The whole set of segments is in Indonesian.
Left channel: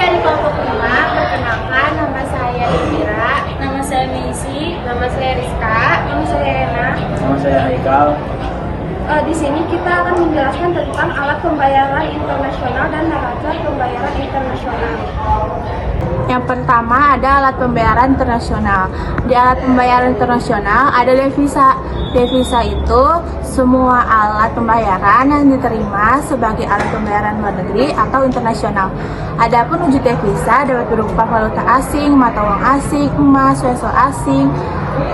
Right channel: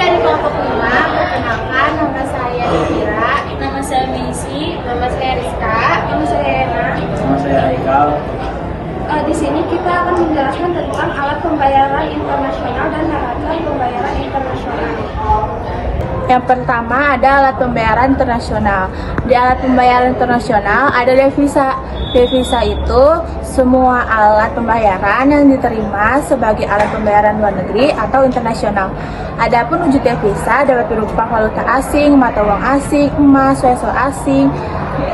dari kelompok 5, perkenalkan nama saya Indira, nama saya Meisi, nama saya Rizka, nama saya Rena. Nama saya Haikal. Di sini kita akan menjelaskan tentang alat pembayaran internasional dan neraca pembayaran internasional. Yang pertama ada alat pembayaran internasional. Di alat pembayaran internasional ada devisa. Devisa itu semua alat pembayaran yang diterima sebagai alat pembayaran luar negeri atau internasional. Adapun wujud devisa dapat berupa valuta asing, mata uang asing, emas, peso asing,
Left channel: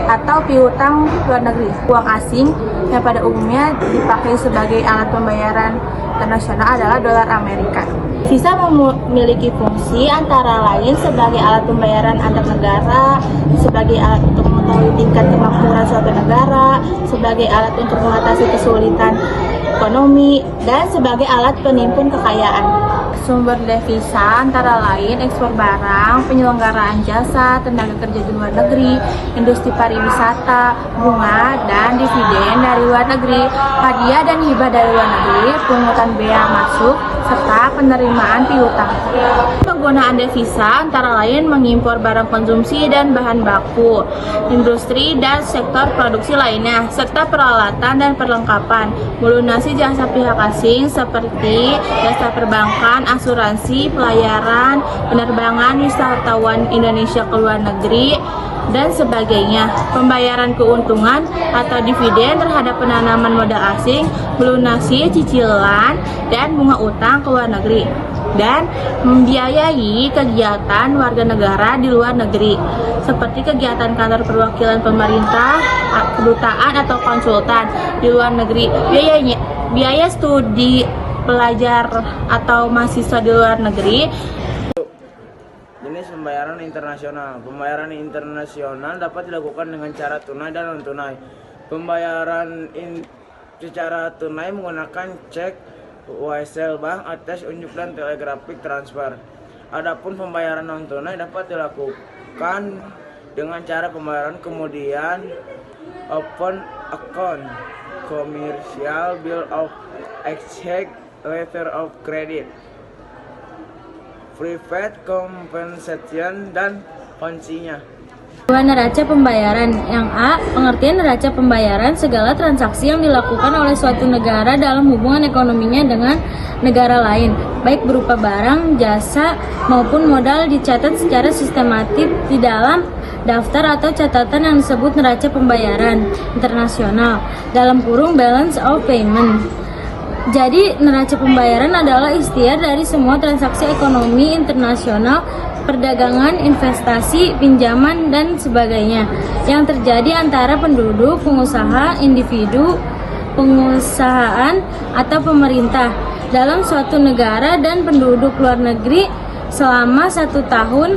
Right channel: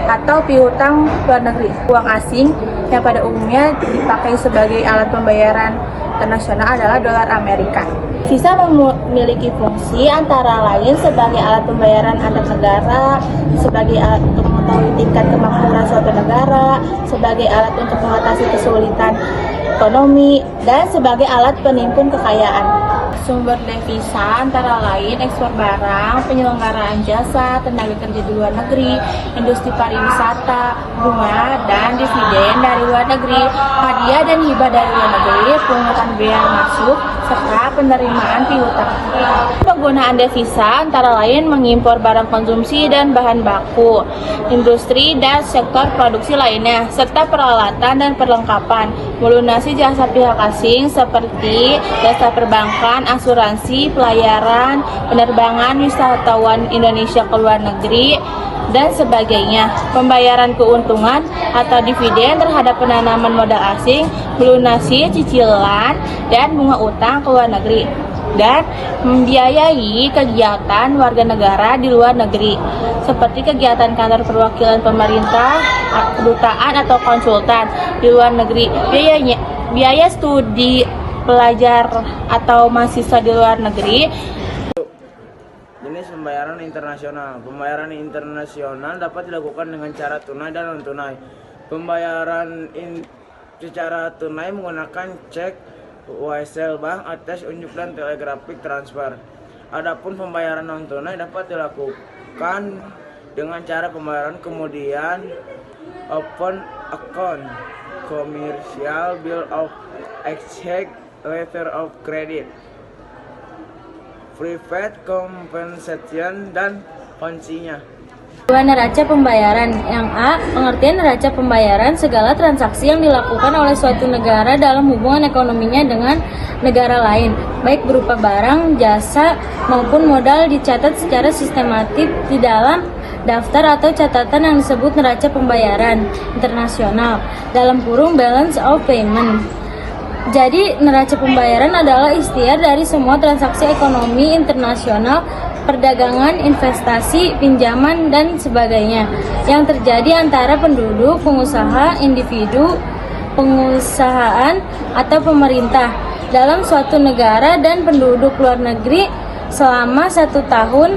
atau piutang luar negeri. Uang asing yang pada umumnya dipakai sebagai alat pembayaran internasional adalah dolar Amerika. Visa memiliki fungsi antara lain sebagai alat pembayaran antar negara, sebagai alat untuk mengetahui tingkat kemakmuran suatu negara, sebagai alat untuk mengatasi kesulitan ekonomi, dan sebagai alat penimpun kekayaan. Sumber devisa antara lain ekspor barang, penyelenggaraan jasa, tenaga kerja di luar negeri, industri pariwisata, bunga, dan dividen dari luar negeri, hadiah dan hibah dari luar negeri, pungutan bea masuk, serta penerimaan piutang. Penggunaan devisa antara lain mengimpor barang konsumsi dan bahan baku, industri dan sektor produksi lainnya, serta peralatan dan perlengkapan, melunasi jasa pihak asing seperti jasa perbankan, asuransi, pelayaran, penerbangan wisatawan Indonesia ke luar negeri, dan sebagainya. Pembayaran keuntungan atau dividen terhadap penanaman modal asing, melunasi cicilan dan bunga utang ke luar negeri, dan membiayai kegiatan warga negara di luar negeri, seperti kegiatan kantor perwakilan pemerintah, kedutaan atau konsultan di luar negeri, biaya studi pelajar atau mahasiswa di luar negeri. Jenis pembayaran internasional. Pembayaran internasional dapat dilakukan dengan cara tunai dan non-tunai. Pembayaran secara tunai menggunakan cek, wesel bank, ATS, unjuk, dan telegraphic transfer. Adapun pembayaran non-tunai dapat dilakukan dengan cara pembayaran kemudian open account, commercial bill of exchange, letter of credit, private compensation, dan kuncinya. Neraca pembayaran. Yang A, pengertian neraca pembayaran segala transaksi yang dilakukan oleh suatu negara dalam hubungan ekonominya dengan negara lain, baik berupa barang, jasa, maupun modal dicatat secara sistematis di dalam daftar atau catatan yang disebut neraca pembayaran internasional, dalam kurung balance of payment. Jadi, neraca pembayaran adalah ikhtiar dari semua transaksi ekonomi internasional, perdagangan, investasi, pinjaman, dan sebagainya yang terjadi antara penduduk, pengusaha, individu, pengusahaan, atau pemerintah dalam suatu negara dan penduduk luar negeri selama 1 tahun,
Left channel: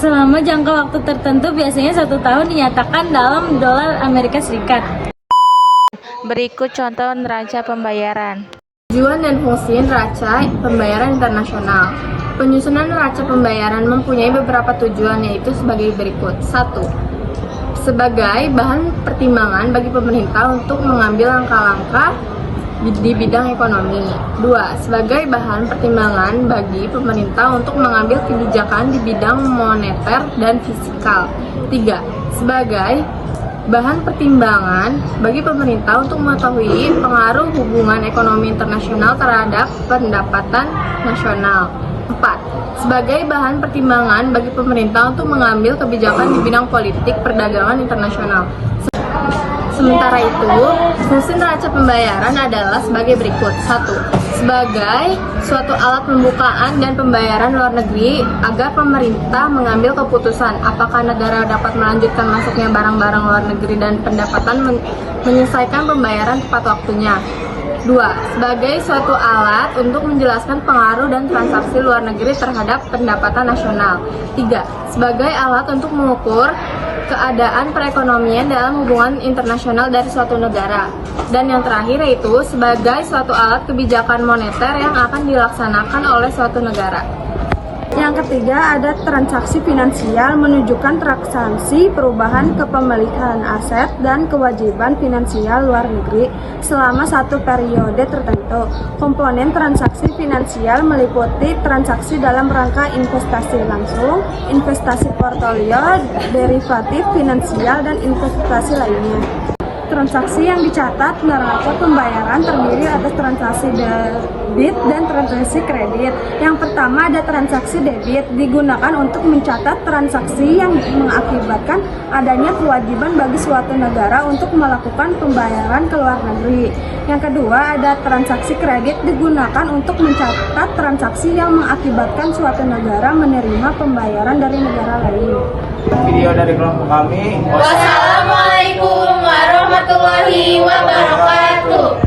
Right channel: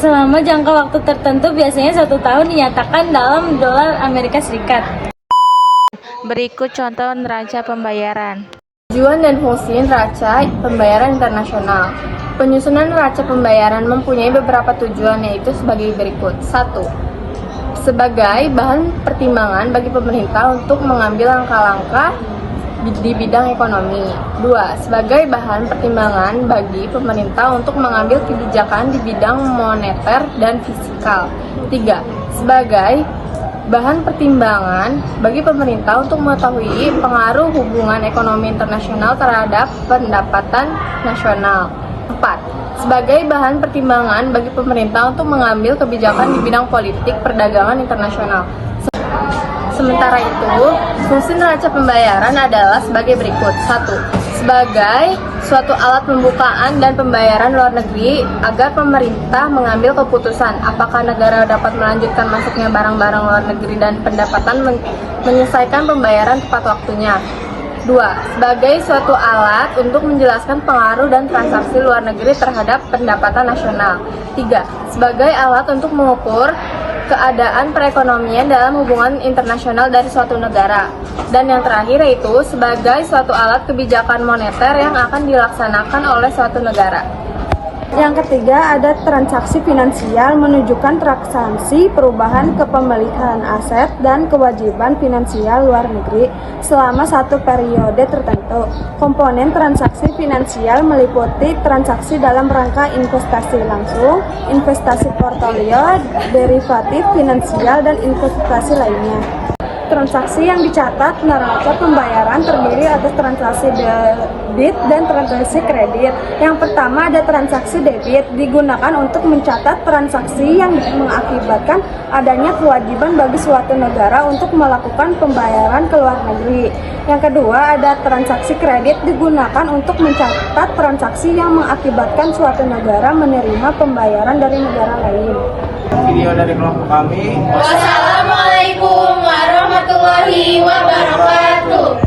selama jangka waktu tertentu, biasanya 1 tahun, dinyatakan dalam dolar Amerika Serikat. Berikut contoh neraca pembayaran. Tujuan dan fungsi neraca pembayaran internasional. Penyusunan neraca pembayaran mempunyai beberapa tujuan, yaitu sebagai berikut. 1. Sebagai bahan pertimbangan bagi pemerintah untuk mengambil langkah-langkah di bidang ekonomi. 2. Sebagai bahan pertimbangan bagi pemerintah untuk mengambil kebijakan di bidang moneter dan fiskal. 3. Sebagai bahan pertimbangan bagi pemerintah untuk mengetahui pengaruh hubungan ekonomi internasional terhadap pendapatan nasional. 4. Sebagai bahan pertimbangan bagi pemerintah untuk mengambil kebijakan di bidang politik perdagangan internasional. Sementara itu, fungsi neraca pembayaran adalah sebagai berikut. 1. Sebagai suatu alat pembukaan dan pembayaran luar negeri agar pemerintah mengambil keputusan apakah negara dapat melanjutkan masuknya barang-barang luar negeri dan pendapatan menyelesaikan pembayaran tepat waktunya. 2. Sebagai suatu alat untuk menjelaskan pengaruh dan transaksi luar negeri terhadap pendapatan nasional. 3. Sebagai alat untuk mengukur keadaan perekonomian dalam hubungan internasional dari suatu negara. Dan yang terakhir yaitu sebagai suatu alat kebijakan moneter yang akan dilaksanakan oleh suatu negara. Yang ketiga ada transaksi finansial, menunjukkan transaksi perubahan kepemilikan aset dan kewajiban finansial luar negeri selama satu periode tertentu. Komponen transaksi finansial meliputi transaksi dalam rangka investasi langsung, investasi portofolio, derivatif finansial, dan investasi lainnya. Transaksi yang dicatat neraca pembayaran terdiri atas transaksi debit dan transaksi kredit. Yang pertama ada transaksi debit, digunakan untuk mencatat transaksi yang mengakibatkan adanya kewajiban bagi suatu negara untuk melakukan pembayaran ke luar negeri. Yang kedua ada transaksi kredit, digunakan untuk mencatat transaksi yang mengakibatkan suatu negara menerima pembayaran dari negara lain. Video dari kelompok kami. Wassalamualaikum warahmatullahi wabarakatuh.